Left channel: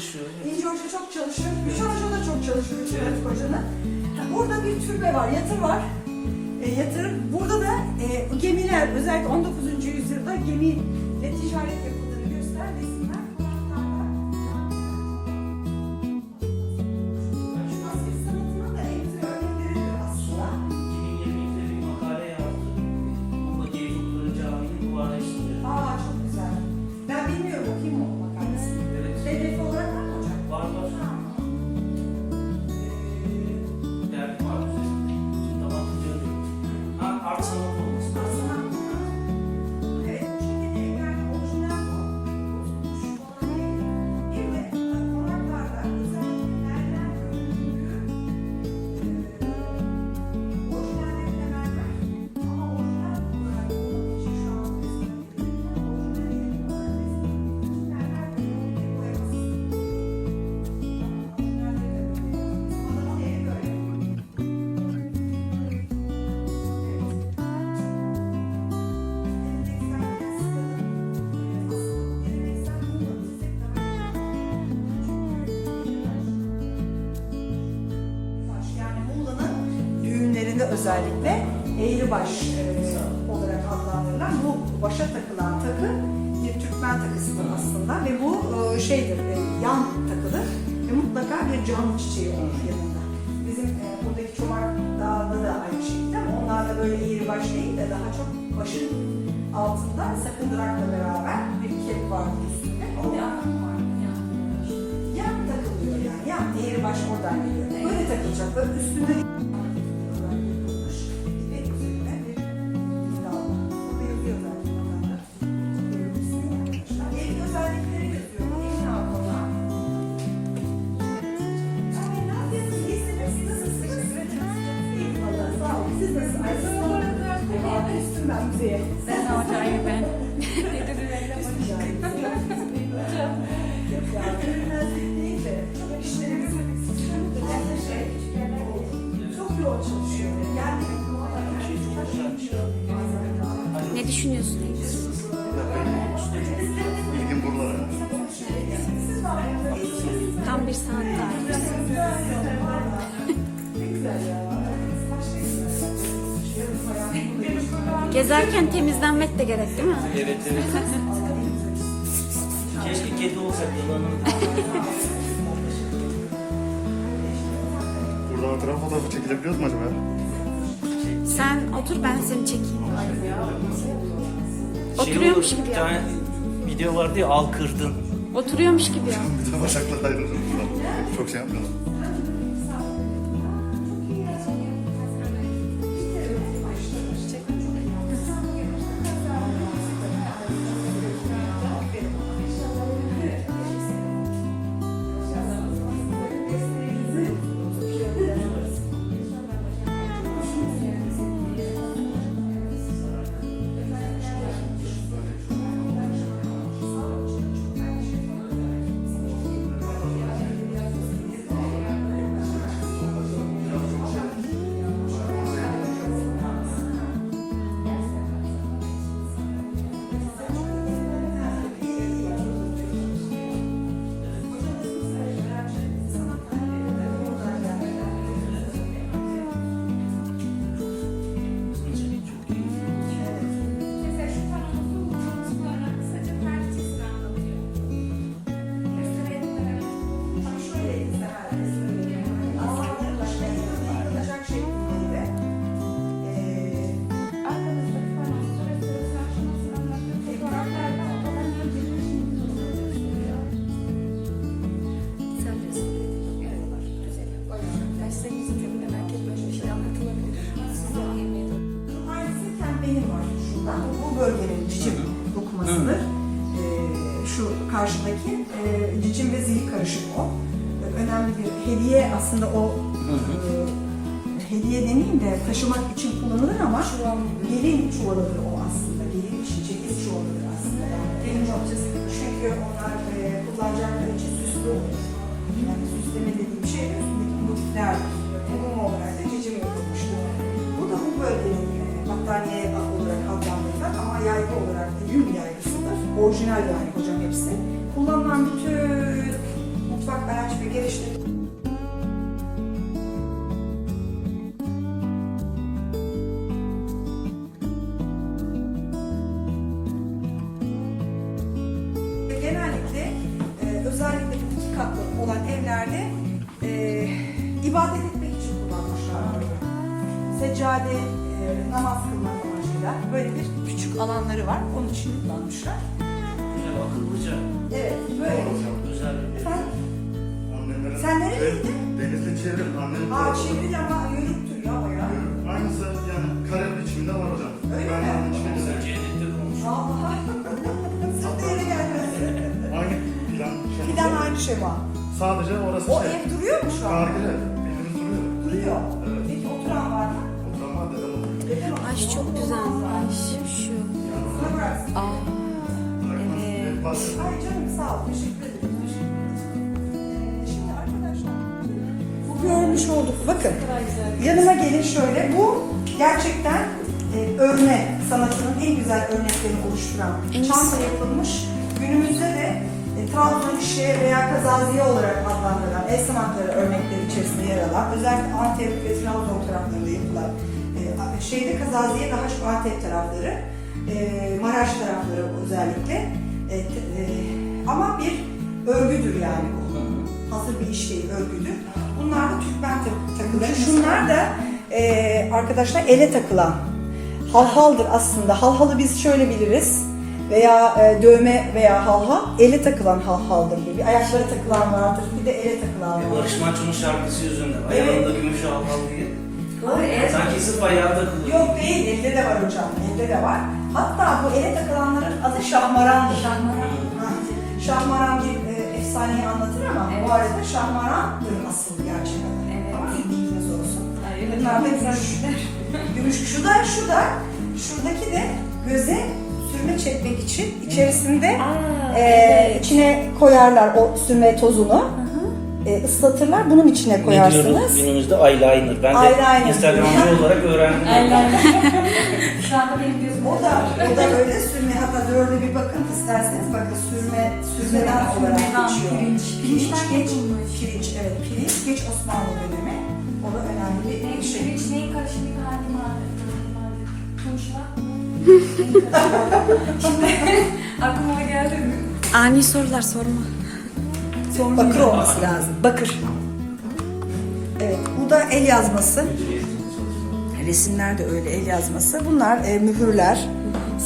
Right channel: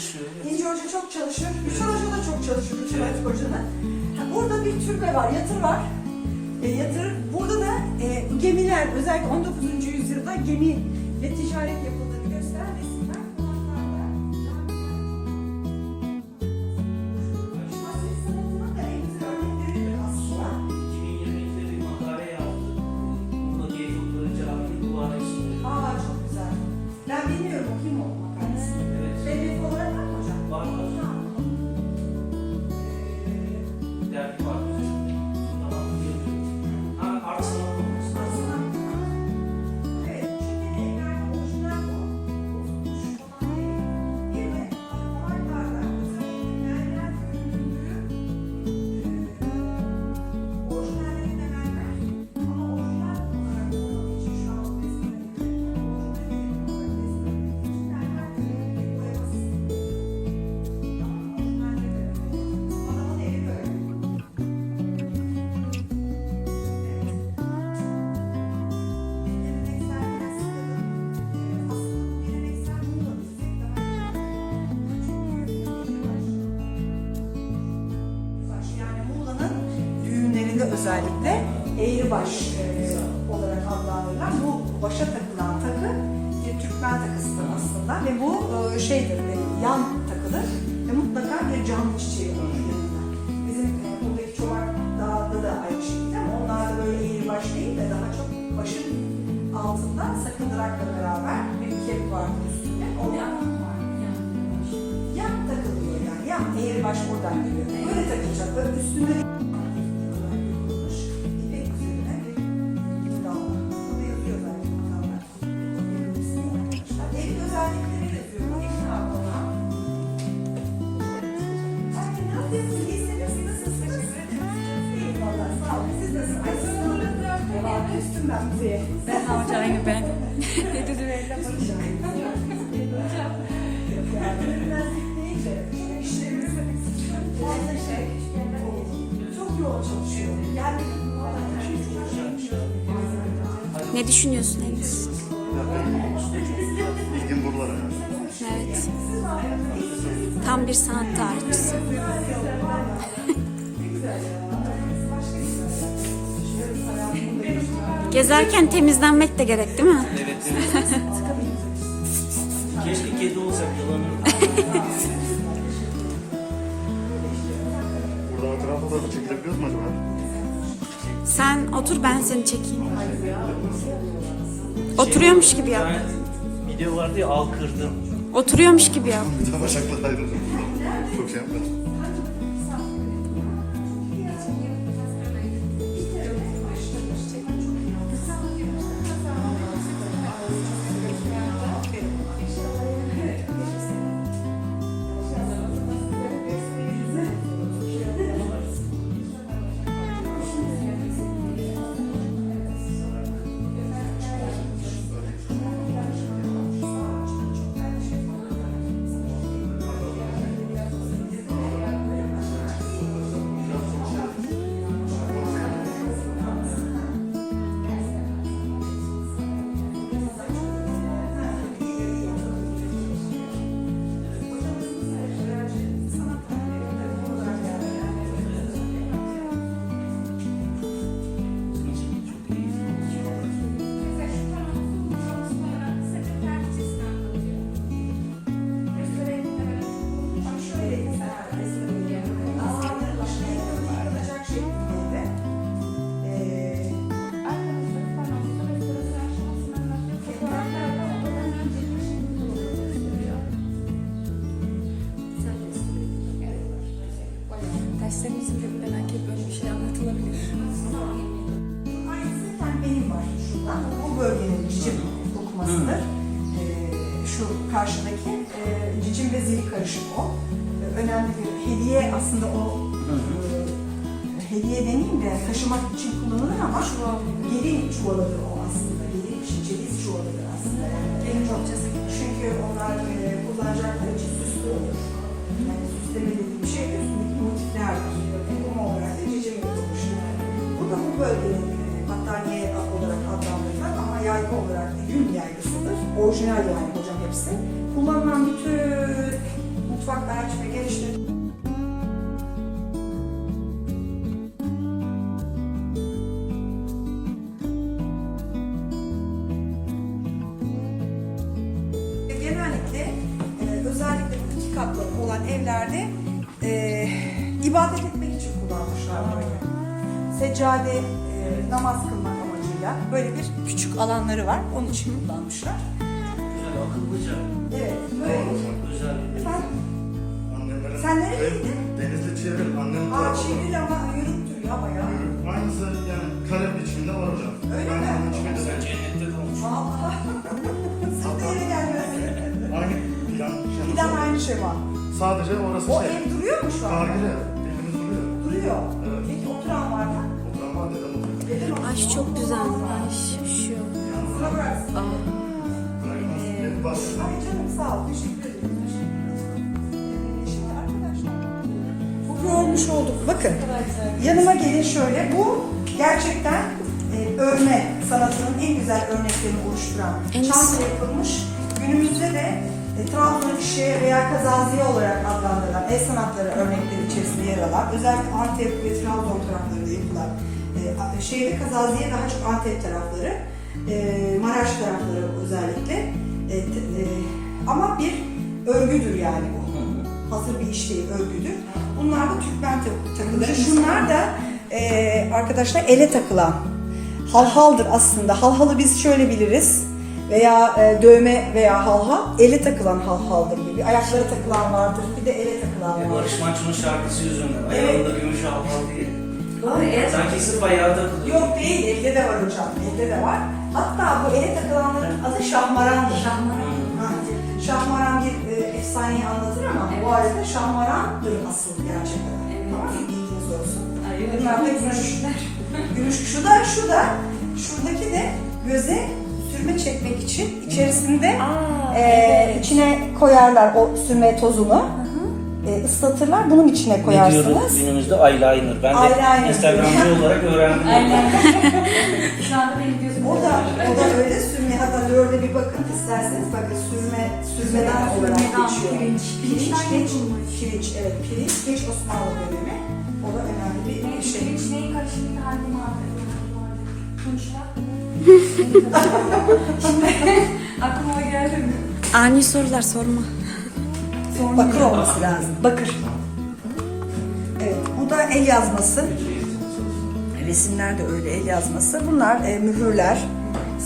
çalışıyor. Evet. İnci Hoca çok çalışıyor. Gülşen Hoca da çok çalışıyor. Gülşen Evet. Hoca'nın. Düğünlerinde özellikle eğribaş e, olarak adlandırılan bu başa takılan takı bir Türkmen takısıdır aslında ve bu e, şeydir, e, yan takılır ve mutlaka bir cam çiçeği olur yanında. Bizim buradaki çomak dağında da aynı şekilde ama onlar da böyle eğribaş değil de daha çok başın altından sakındırakla beraber bir kep var üstünde. O yan takılıyor yani. Yan eğribaş oradan geliyor. Böyle takılacak. Böyle üstünde çalışıyor. Yani Ne düşünüyorsun Enes? Ya benim ilgim buralara. Evet. Tam bir sanat tarihçisi. Gezerken temizlenmek de gerek değil mi? Evet, evet. Keşke kedi olsak yılanın. Burada hatıra fotoğrafı çekilebiliyor mu acaba? Sen otur ben seni çekeyim. Oturuyormuş gibi Bir yap. tane video vardı ya al kırdın. Oturuyormuş gibi yap. Bir tane bacaklar ayrılır. Çok şey yapmayalım. Aslında o e, hediye demeyeyim de taşımak için kullanılır ama gelin çuvalıdır o aslında. Gelin için ceviz çuvalıdır aslında. Gelin çünkü onlar e, kullanacakları için süs süslü. Yani süsleme dediğim şey üstündeki motiflerdir. Mum olarak da cicim yapılmıştır. Bu da bu bölgenin e, battaniye olarak adlandırılır ama yaygı olarak da yün yaygısıdır. Orijinal yani hocam hepsi. Kullanılan bütün mutfak araç ve geliştirme var. İçin kullanmışlar. Güzel, akıllıca. Evet, böyle. Özel bir Ben, Annemlerin... Sen nereye gittin? Denizli çevir. Annemin aa var. çevril ama yürüktür ya bayağı. Aynısı yani karenin içinde var hocam. Öyle mi? Aynı içinde de. Cennette de olmuş. Allah. Sırtı yeni gelmesi. Aynı plan. şey. Fidan aynı şema. Sadece orası O şey. ev duruyor mu şu an? Evimiz duruyor. Duruyor. Evet. Peki oturan var mı? Oturan dedem olur. Dedem Ay çok güzel. Ay canım sağ ol. Teşekkür ederim. Şimdi arkadaşlar bu görmüş olduk. Bakın yanıma gelin şöyle. Bu gerçekten e, örme sanatının en güzel örneklerini oluşturan çanta yapılmış. Günümüzde de e, Trabzon işe veya kazaziye olarak adlandırılan el sanatları örnekleri içerisinde yer alan özellikle Antep ve Trabzon taraflarında yapılan e, şeyde kazaziye daha çok Antep tarafları e, Maraş tarafları özellikle e, e, ama bir örgüdür yani bu. Hazır bir iş değil, örgüdür. Bunlar da Türkmen tak- takıları. Şunlar da e, arkadaşlar ele takılan halhaldır aslında. Halhalı biz şöyle biliriz veya e, dövme veya halha ele takılan halhaldır gibi. Ayaklara takılan vardır, bir de ele takılan vardır. Barış Manço'nun şarkısı yüzünden. Ayağında gümüş al al diye. Doğru, evet. Sanki sırf ayağı takılıyor. Yok değil, elde de var hocam, elde de var. Hatta bu ele takılanların adı şahmarandır. Şahmaran. Şahmaran bir e, efsaneyi anlatır ama bu arada şahmarandır asıl gerçek adı. Tamam mı? Bilginiz olsun. Bunlar da gümüş. gümüş. Şu da, şu da, şuradaki de göze sürme çekmek için içerisinde Aa, e, evet. içine koyarlar o sürme tozunu. E, ıslatırlar, bunun içine Ne diyoruz koyarsınız. günümüzde eyeliner. Ben de Eyeliner. Instagramcı olarak öğrendim. Şu anda benim gözüm. O da, o da öyle sürme hatta böyle bir bakın isterseniz bakın sürme sürmeden olarak Sürmeden, geçiyor. pirinç. pirinç Pirinçten geç yapılmış. pirinç evet pirinç geç Osmanlı dönemi. O da önemli bir şey. Neyin karışımı halim vardı. Konuşmak. Aklıma o geldi mi? Ani sorular sorma. Bakır olması lazım. Bakır. Evet bu da el yazması. Resimler de öyle el yazması. Bunlar e, mühürler,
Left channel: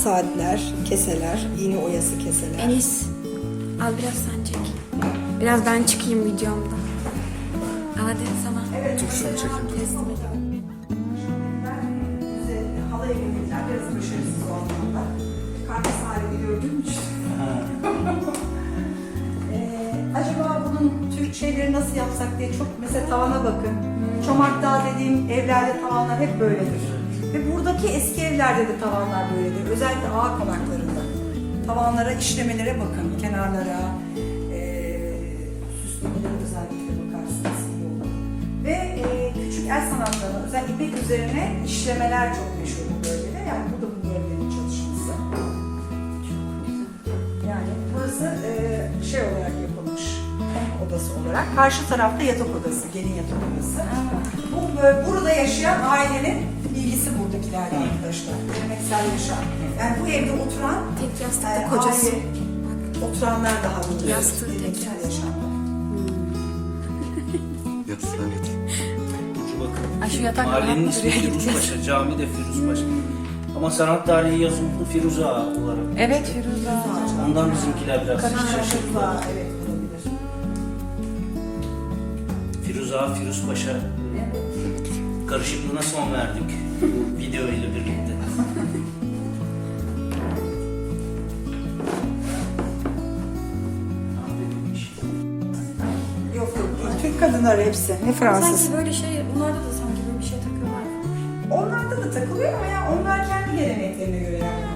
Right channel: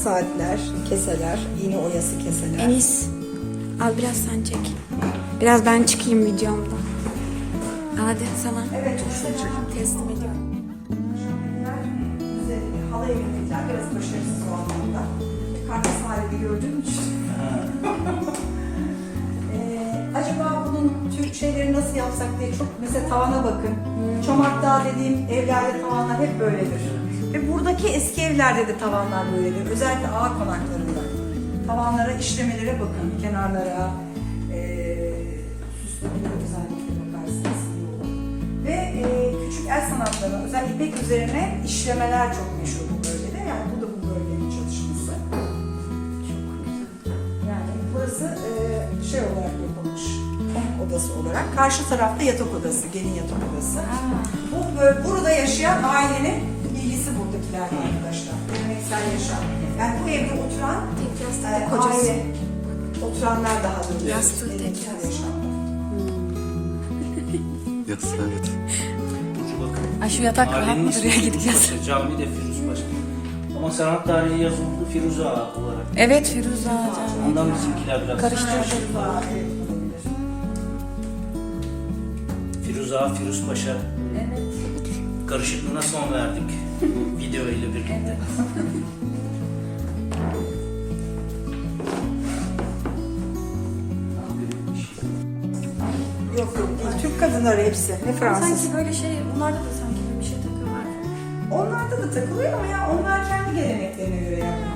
saatler, keseler, iğne oyası keseler. Enis. Al biraz sen çek. Biraz ben çıkayım videomda. Hadi sana. Evet, teslim ediyorum. Şeyleri nasıl yapsak diye çok mesela tavana bakın. Çomak Dağı dediğim evlerde tavanlar hep böyledir. Ve buradaki eski evlerde de tavanlar böyledir. Özellikle ağ konaklarında. Tavanlara, işlemelere bakın. Kenarlara, ee, süslemelere özellikle bakarsınız. Ve e, küçük el sanatlarına, özel ipek üzerine işlemeler çok meşhur bu bölgede. Yani bu da bu bölgenin çalışması. Yani burası e, şey olarak yapılmış. Konuk odası olarak. Karşı tarafta yatak odası, gelin yatak odası. Bu böyle burada yaşayan ailenin bilgisi buradakilerden arkadaşlar. Geleneksel yaşam. Yani bu evde oturan Tek yastık e, kocası. aile, oturanlar daha doğrusu. Yastığı tek Geleneksel yastık. yaşamda. Yatısına yat. Bakın. Ay şu yatak Mahallenin ismi duruyor gibi Firuzpaşa, cami de Firuzpaşa. Ama sanat tarihi yazıldı Firuze Ağa olarak. Evet Firuze. Ondan bizimkiler biraz Karıştırmışlar. Evet Ağa, Firuz Paşa e, karışıklığına son verdik bu video ile birlikte. Yok yok. Türk kadınları hepsi. Ne Fransız. Sanki böyle şey, bunlarda da sanki böyle bir şey takıyorlar. Onlarda da takılıyor ama ya onlar kendi geleneklerine göre yapıyor.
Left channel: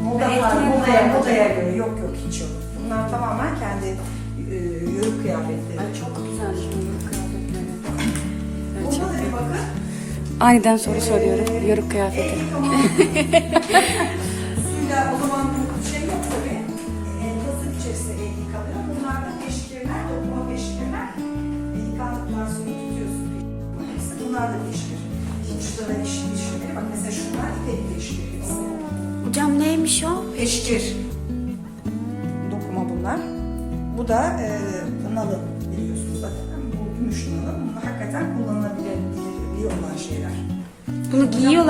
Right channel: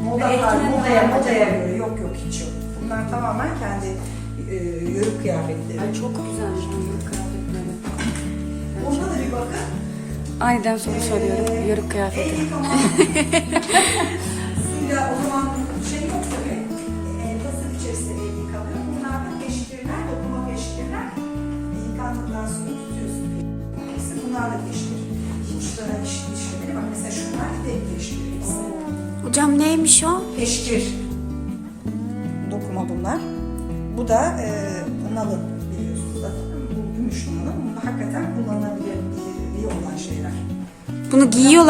O moda modaya, modaya göre. Yok yok hiç yok. Bunlar tamamen kendi e, yörük kıyafetleri. Ay çok güzelmiş bu yörük kıyafetleri. Aniden soru soruyorum. Yörük kıyafeti. Suyla o zaman bu şey yok tabii. E, Pasif içerisinde yıkanıyor. Bunlar da peşkirler, dokuma peşkirler. E, yıkandıktan sonra tutuyorsun. Hepsi bunlar da peşkir. Uçlara dişli dişleri. Bak mesela şunlar tek peşkir. Hocam neymiş o? Peşkir. Dokuma bunlar. Bu da e, nalı biliyorsunuz zaten. Bu gümüş. Bunlar hakikaten kullanılabilirliği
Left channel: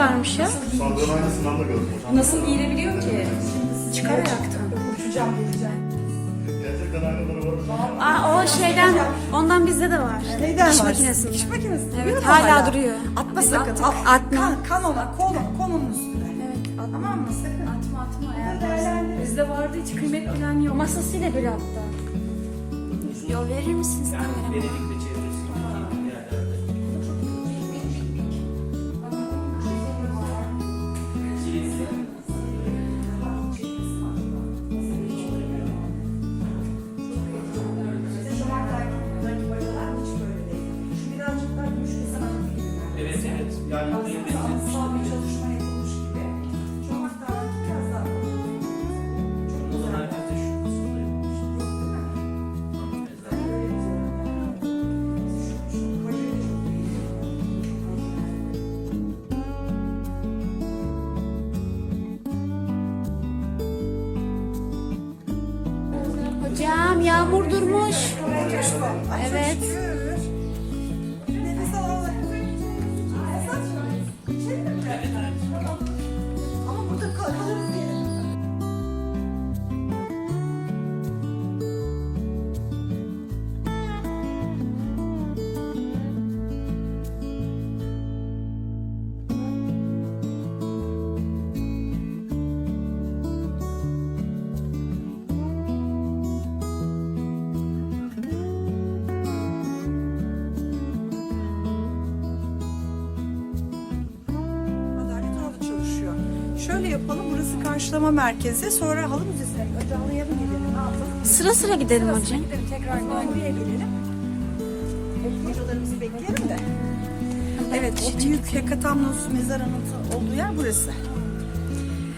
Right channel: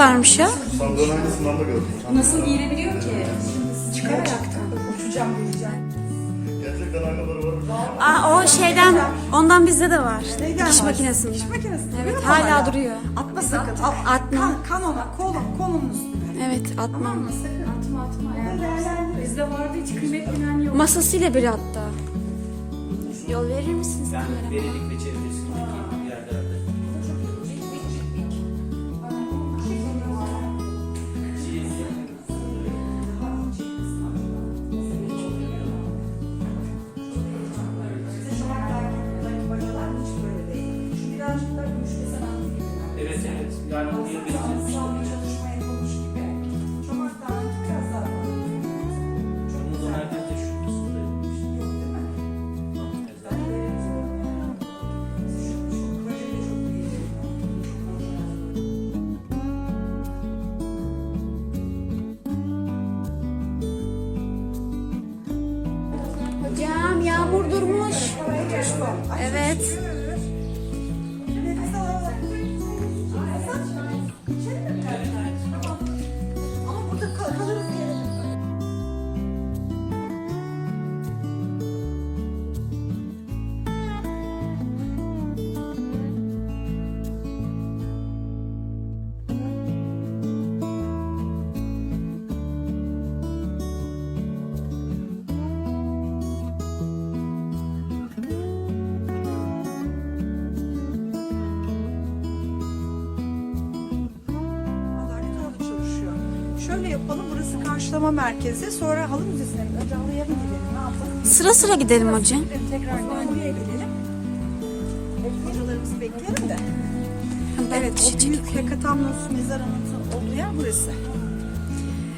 Giyiyorlarmış ya. Sandığın aynısından da gördüm. Nasıl giyilebiliyor ki? Gerçekten uçacağım diyeceğim. Gerçekten aynaları var. Aa o şeyden, ondan bizde de var. Neyden Diş makinesinde. Diş makinesinde. Evet hala duruyor. Atma sakın. At, Atma. Kan, kan ona, kolon, konunun üstüne. Evet atma. Tamam mı? Sakın. Atma atma. Bizde vardı hiç kıymet bilen yok. Masasıyla bir hatta. Yol verir misiniz Yani kamerama? Benzemiş. anıtsal bir çalışma yapılmış gibi. Çok hatta biraz daha. Çok O güzel. zaman herkes de şu kısımda yapmış. Yok değil mi? Ben böyle diyorum. Şu, şu proje de çok iyi. Çok orijinal. Hocam yağmur durmuş. Evet. Karşılama merkezi. Sonra halı müzesine mi? Önce halıya mı gidelim, ne yapalım? Sıra sıra gidelim hocam. Gidelim, tekrar nereye gidelim? Hocalarımızı bekleyelim de. Evet, o büyük Hekatamnos mezar anıtı olduğu yer burası.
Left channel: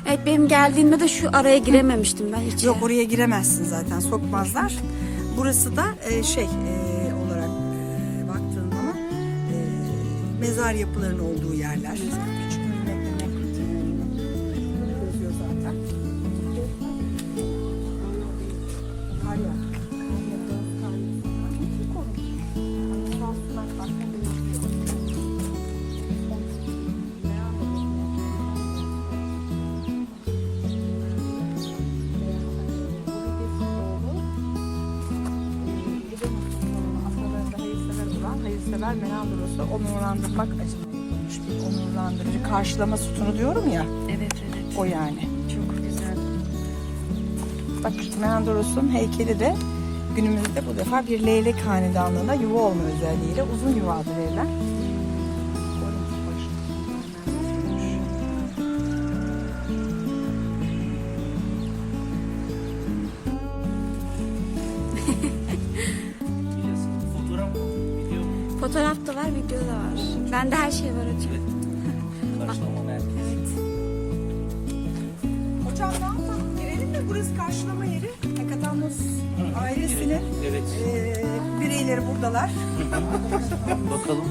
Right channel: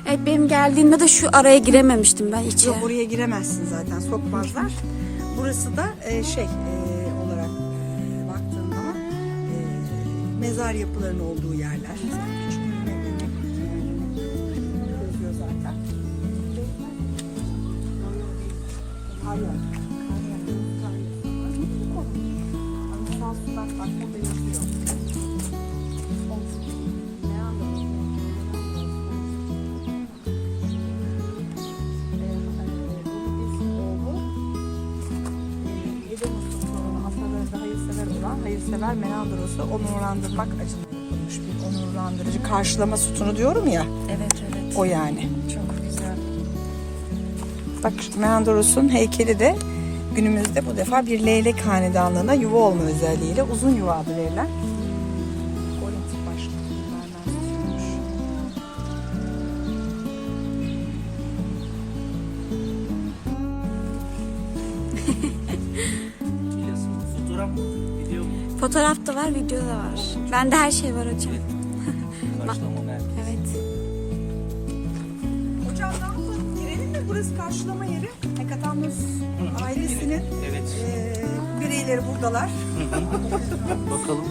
Evet benim geldiğimde de şu araya girememiştim ben hiç. Yok oraya giremezsin zaten, sokmazlar. Burası da e, şey e, olarak e, baktığın zaman e, mezar yapılarının olduğu yerler. Menandros'u onurlandırmak acına yapılmış bir onurlandırıcı karşılama sütunu diyorum ya. Evet evet. O yani. Çok güzel. Bak Menandros'un heykeli de günümüzde bu defa bir leylek hanedanlığına yuva olma özelliğiyle uzun yuvadır evler. Fotoğraf, Fotoğraf da var, video da var. Bende her şey var hocam. Karşılama merkezi. Evet. Hocam ne yapalım? Girelim mi? Burası karşılama yeri. Hekatamnos ailesinin Evet. eee, bireyleri buradalar. Bakalım.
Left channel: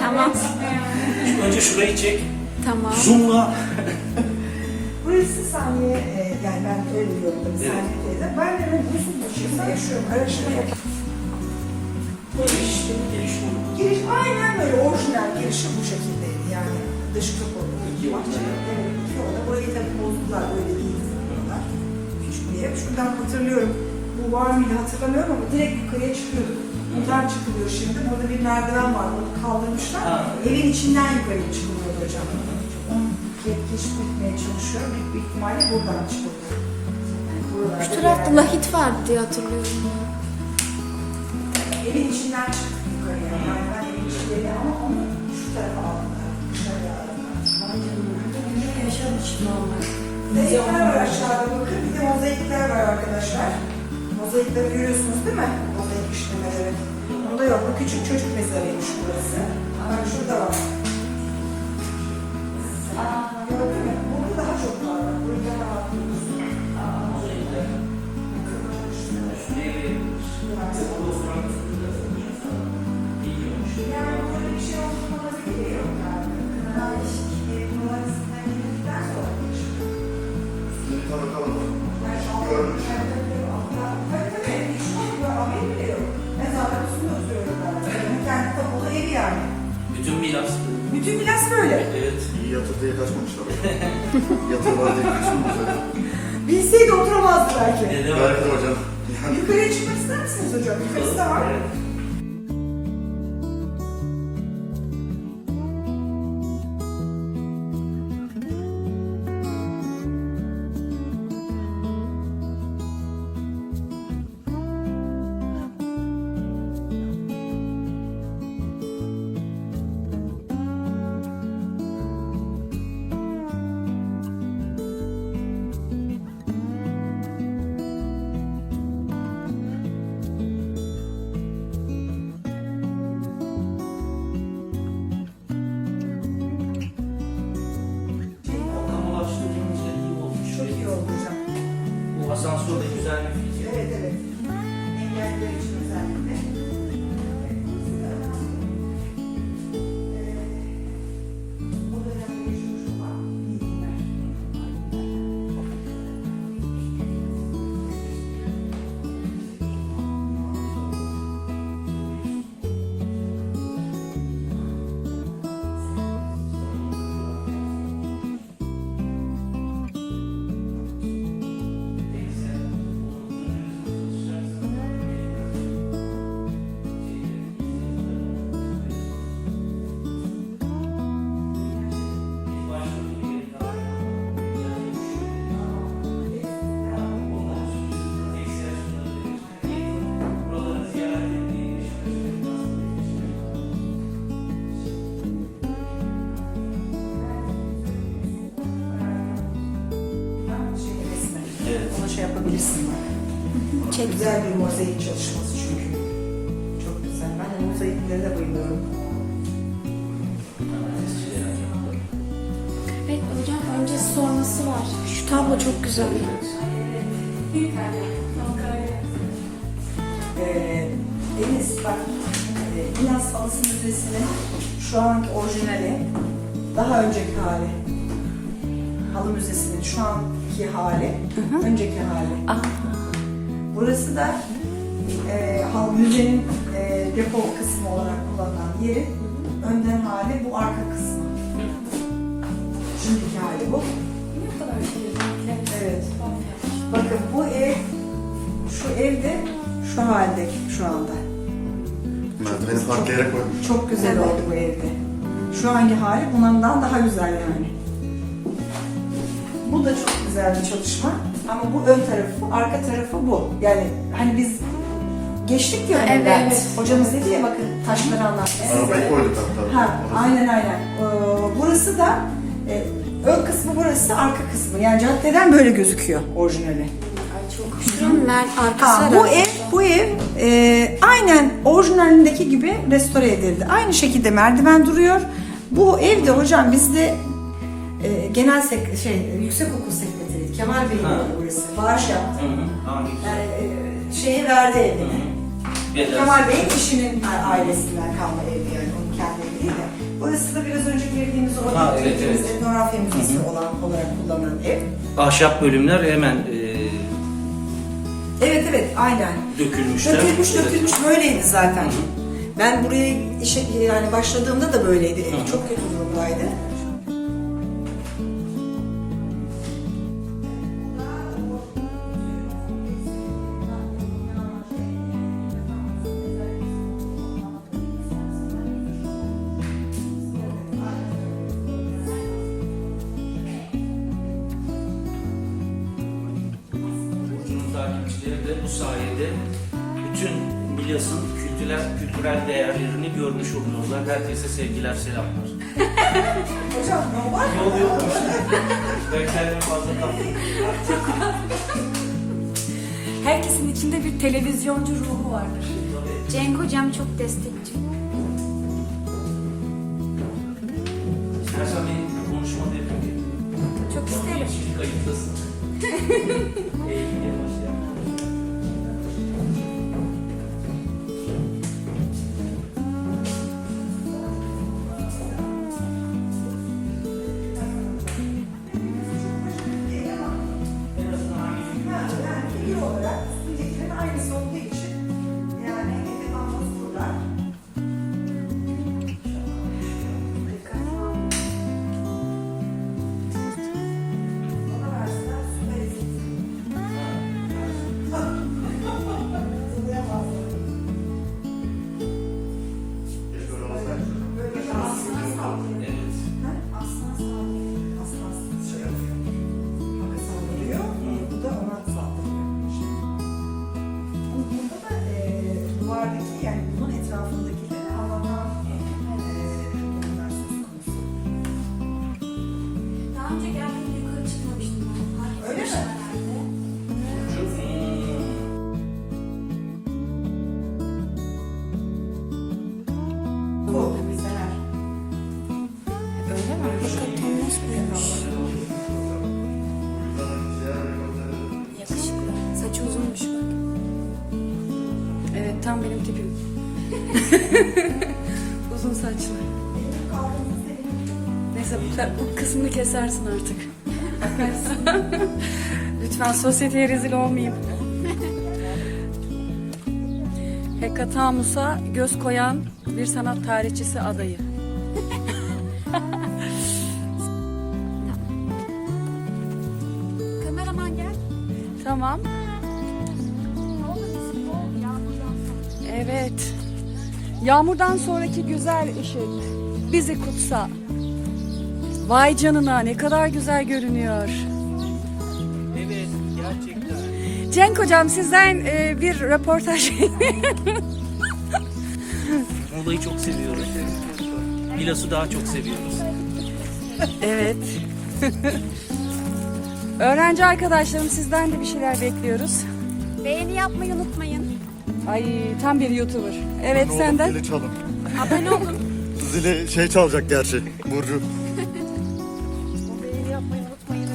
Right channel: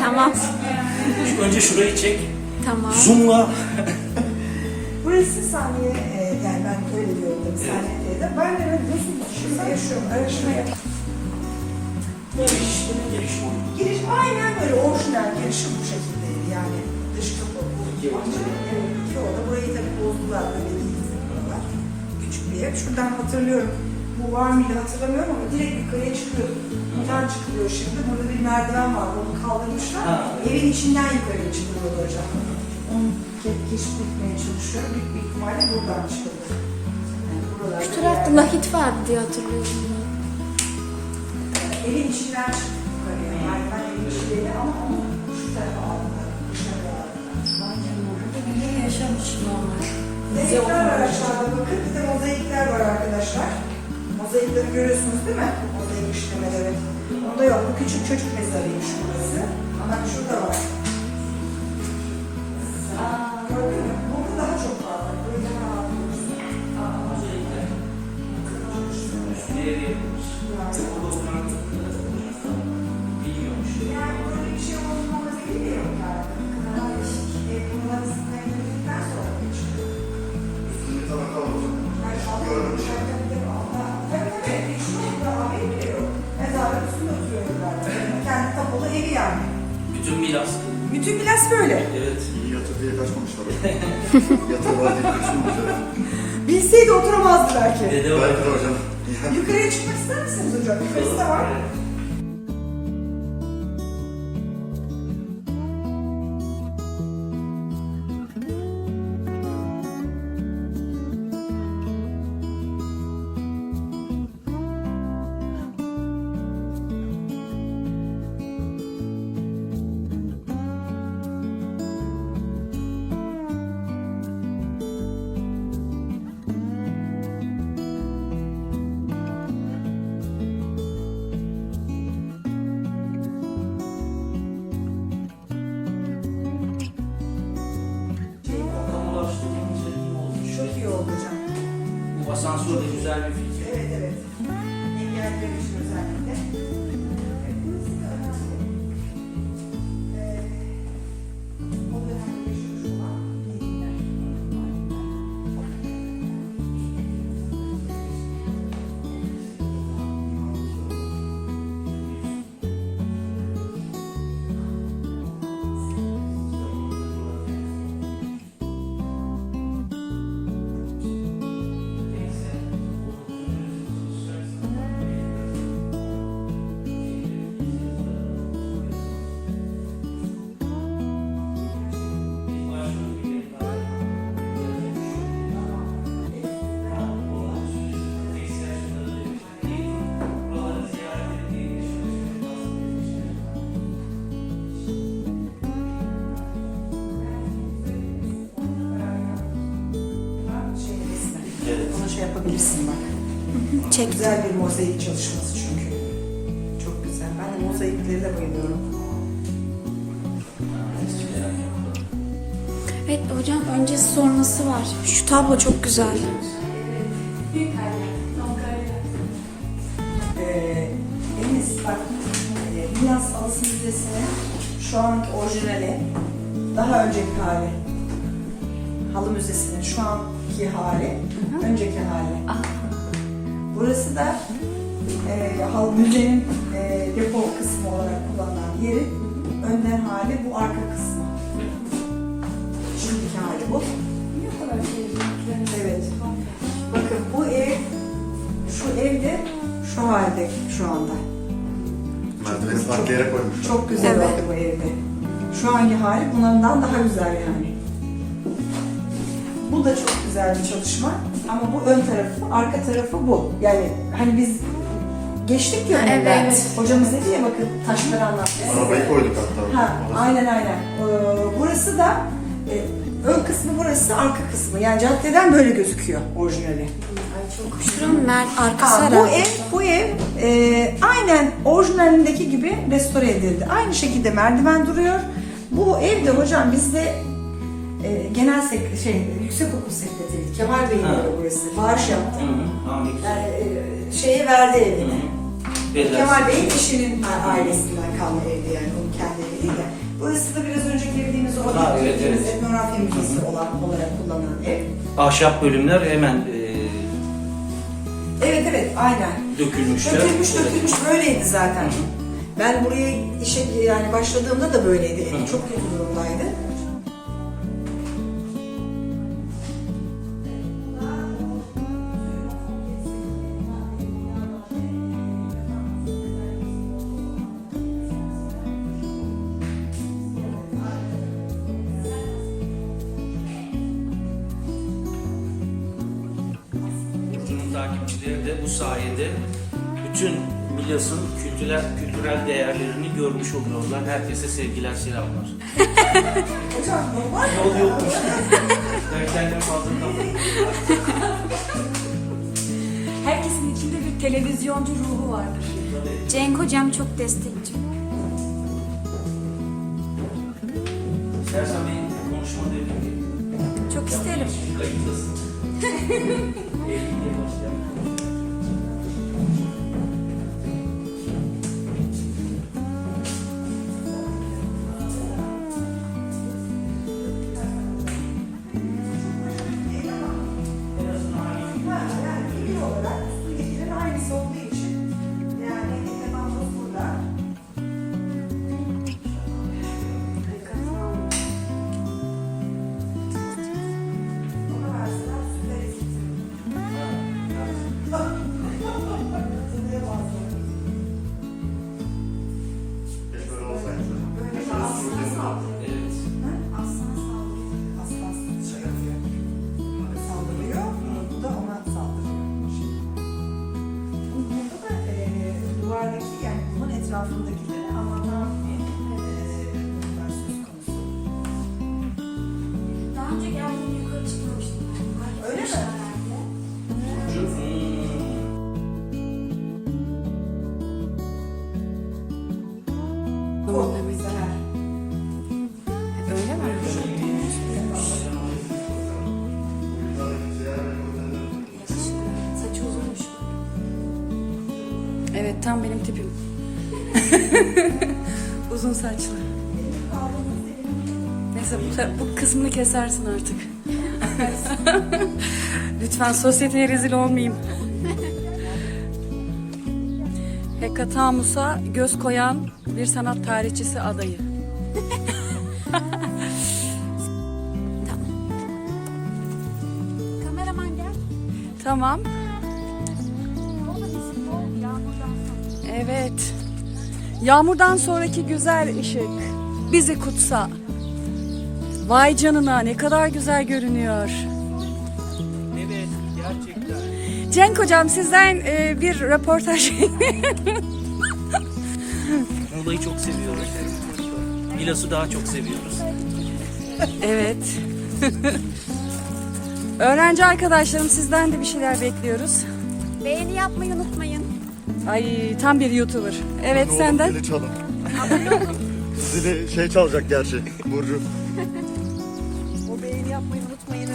Tamam. Önce şurayı çek. Tamam. Zoom'la. Burası saniye, e, yani ben öyle saniye teyze. Ben de Yusuf dışında yaşıyorum. Öyle şuraya. Giriş, giriş. Giriş aynen böyle orijinal girişi bu şekildeydi yani. dış kapı. Bahçeli. Evet, iki oda. Burayı tabii bozdular, böyle değil buralar. Küçük bir ev. Şuradan hatırlıyorum. Bu var mıydı hatırlamıyorum ama direkt yukarıya çıkıyor. Buradan çıkılıyor şimdi. Burada bir merdiven var. Onu kaldırmışlar. Ha. Evin içinden yukarıya çıkılıyor hocam. Onu ke- keşfetmeye çalışıyorum. Büyük bir ihtimalle buradan çıkılıyor. Yani Şu tarafta lahit vardı diye hatırlıyorum ben. Evin içinden çıktık yukarıya. Merdiven evin içinde ama onu şu tarafa aldılar. Dışarıya aldılar. Mozaikler var aşağıda bakın. Bir de mozaikler var arkadaşlar. Mozaikleri görüyorsunuz değil mi? Mozaik işlemeleri. Onda yok. Bu küçük çocuk mezarıymış burası. Bak şurada var. Bilseydi oturamazdı belki. Dede var. Hocam. Yukarıya çıkmak ister misiniz hocam? Yukarısı da var. Yapabilirsin bak. Çek. Güzel bir mozaik çalışması çünkü. Çok güzel. Ben o mozaiklere de bayılıyorum. Evet hocam öncesi sonrası var. Şu tablo çok güzel. Ee, Enis bak, e, Milas Halısı Müzesi'nin şu anki orijinali, daha önceki hali. Halı Müzesi'nin şu anki hali, önceki hali. Burası da e, hal müzenin e, depo kısmı olarak kullanılan yeri. Önden hali bu arka kısmı. Şimdiki hali bu. Evet. Bakın bu ev, şu evde şu halde şu anda. merdiveni farklayarak koymuşlar. Çok güzel Evet. oldu bu evde. Şu anki hali bundan daha güzel yani. Bu da çok güzel bir çalışma. Ama bu ön tarafı, arka tarafı bu. Yani hani biz geçtik ya Evet, önden. evet. Hocamız dedi ya bakın taşları anlattı. Arabayı koyduk hatta. Ha, Orası. aynen aynen. Ee, burası da e, ön kısmı burası, arka kısmı. Yani caddeden böyle gözüküyor orijinali. Şuranın mer arkası Ha, bu ev, bu ev e, aynen orijinalindeki gibi restore edildi. Aynı şekilde merdiven duruyor. Bu evde hocam bizde e, genel sek şey yüksek okul sekreteri Kemal Bey'in evi burası. Bağış yaptı. Hı hı. Hangi güzel. Yani, e, şeye verdi evini. Bedel. Kemal Bey'in eşinin ailesinden kalma evdi yani onun kendi evi değil de. Burası da biraz önce girdiğimiz o Ha, evet, gittiğimiz evet. etnografya müzesi olan olarak kullanılan ev. Ahşap bölümler hemen e, Evet evet aynen. dökülmüşler. Dökülmüş Evet. dökülmüş böyleydi zaten. Ben buraya işe yani başladığımda da böyleydi. Ev çok kötü durumdaydı. Oluyorlar. Herkese sevgiler, selamlar. Hocam normal. Yol yokmuş. Ben kendimi fazla kaptım. Herkesin içinde bir televizyoncu ruhu vardır. Cenk hocam çok destekçi. İstersen bir konuşma dedim. Çok isterim. Şimdi saçlı. Neyse bu, bu kısmını kesersin artık. Lütfen sosyeteye rezil olmayayım. Hekatamus'a göz koyan bir sanat tarihçisi adayı. Kameraman gel. Tamam. Evet. Yağmurdan sonraki güzel ışık bizi kutsa. Vay canına ne kadar güzel görünüyor. Evet, gerçekten. Cenk hocam sizden e, bir röportaj. Muğla'yı çok seviyoruz. Milas'ı daha çok seviyoruz. evet. Öğrenci arkadaşlarım sizden de bir şeyler bekliyoruz. Beğeni yapmayı unutmayın. Ay tam bir YouTuber. Evet olur senden. Zili çalın. Zili şey çalacak gerçi. Burcu. Bu beğeni yapmayı unutmayın.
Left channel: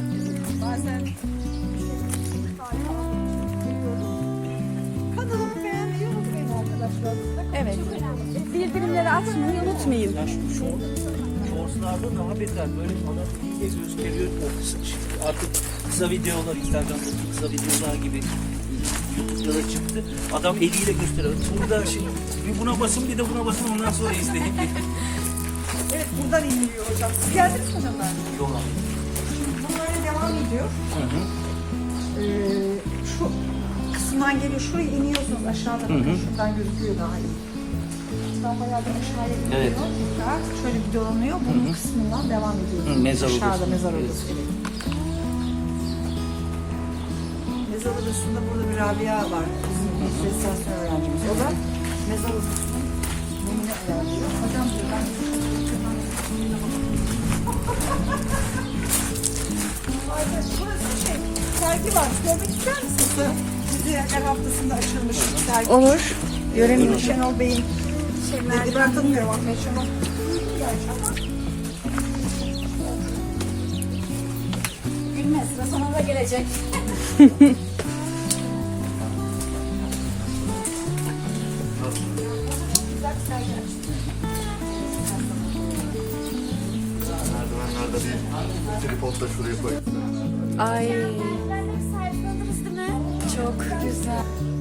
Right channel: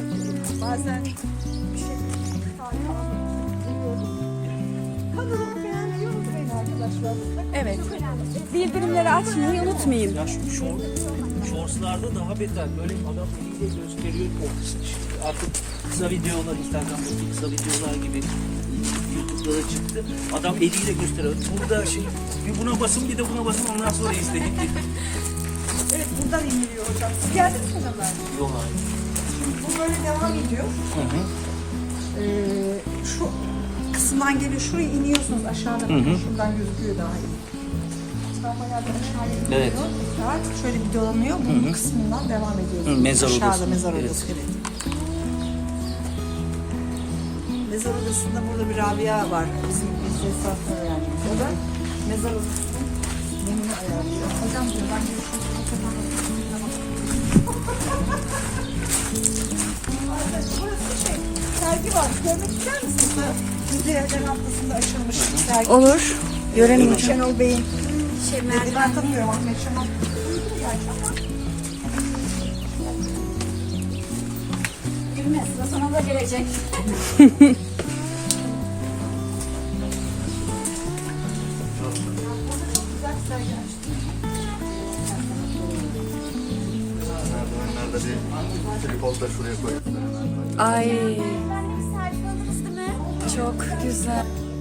Bazen bir şey Kanalımı beğenmeyi unutmayın arkadaşlar. Evet. Bildirimleri açmayı unutmayın. Ya şu daha beter. Böyle adam eliyle gösteriyor. O artık kısa videolar, Instagram'daki kısa videolar gibi Da çıktı. Adam eliyle gösteriyor. Burada şey, bir buna basın bir de buna basın ondan sonra izleyin. Evet buradan iniliyor hocam. Siz geldiniz mi hocam ben? Yol abi. Şimdi bu böyle devam ediyor. Ee, şu kısımdan geliyor. Şuraya iniyorsunuz aşağıda. bakın. Şuradan gözüküyor daha iyi. Şuradan bayağı bir aşağıya iniyor. Evet. Tekrar şöyle bir dolanıyor. Bunun kısmından devam ediyor. Hı, mezar Aşağıda odası. mezar Evet. odası. Evet. Mezar odasında burada bir Rabia var. Bizim restorasyon öğrencimiz. O da mezar odasının menüyü ayarlıyor. Hocam buradan şey, sergi var. Görmek ister misiniz? Müzeler haftasında açılmış sergi. Olur. Görelim. Şenol Bey'in şey, ben tanımıyorum Ahmet Şenol. Yani ama Gülme sıra sana da gelecek. Şuraya koy. Ay çok güzel.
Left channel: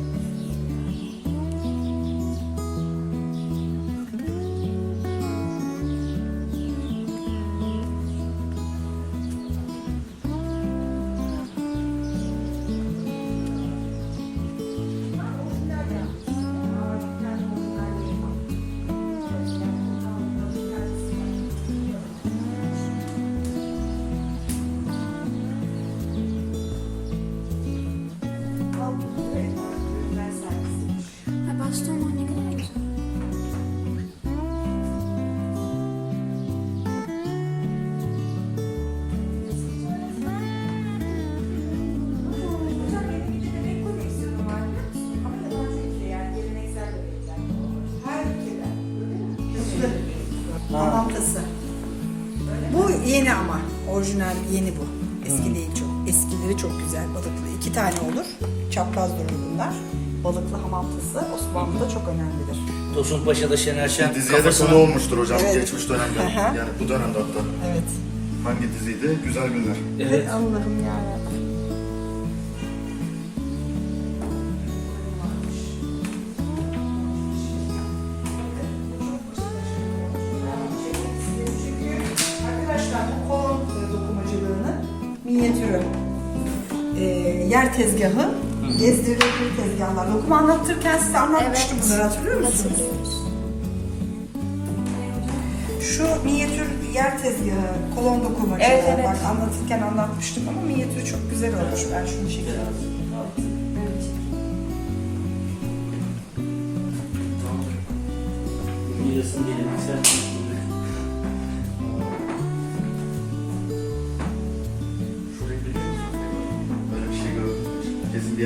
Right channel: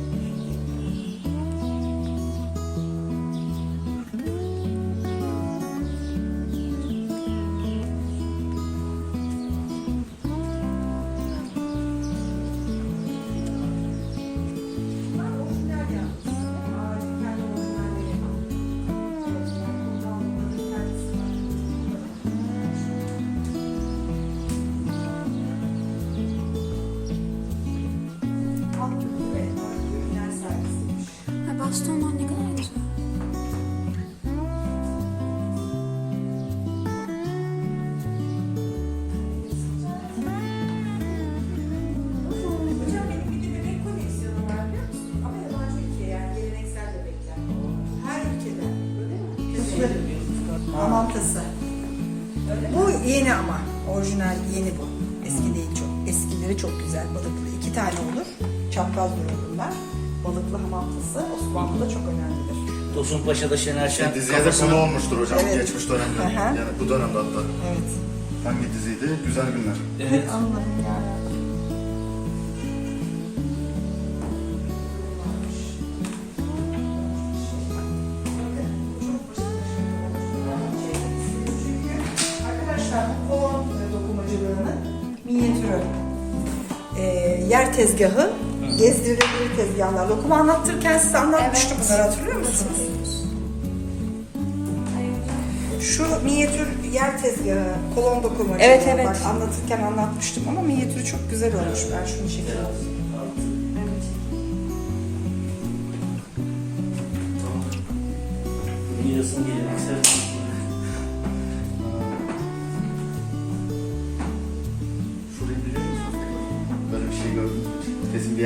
Orijinal yeni bu. Eski değil çok. Eskileri çok güzel. Balıklı. iki tane olur. Çapraz durur bunlar. Balıklı hamamtası Osmanlı'da çok önemlidir. Tosun Paşa'da Şener Şen Diziye de konu olmuştur hocam Evet. geçmiş dönemde. Yani bu dönemde hatta. Evet. Hangi diziydi? Güzel Günler. Evet. Anladım yani. Arkadaşlar tezgahı, gezdirilebilir tezgahlar. Dokuma anlatırken size anlatmıştım bunları hatırlıyor musunuz? Şu minyatür yer tezgahı, kolon dokumacılığı. Evet, evet. Bak anlatırken anlatmıştım ama minyatürü çok güzel olmuş. Ben şunu çekeyim. Miras'ın geleneksel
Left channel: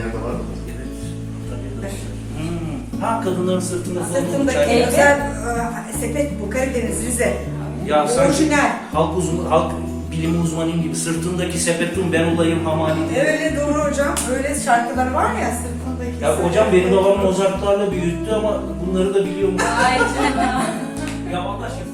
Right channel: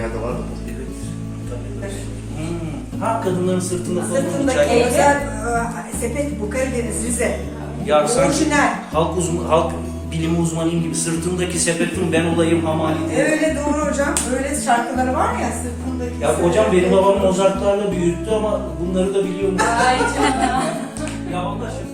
yerde var mı? Hmm. Ha kadınların sırtında Sırtındaki özel e, sepet bu Karadeniz Rize. Ya Orijinal. Halk, uzun, halk bilimi uzmanıyım gibi sırtındaki sepetin ben olayım hamali diye. Öyle doğru hocam. Öyle şarkıları var ya sırtındaki. Ya hocam benim babam Mozart'larla büyüttü ama bunları da biliyormuş. Ay canım. ya vallahi.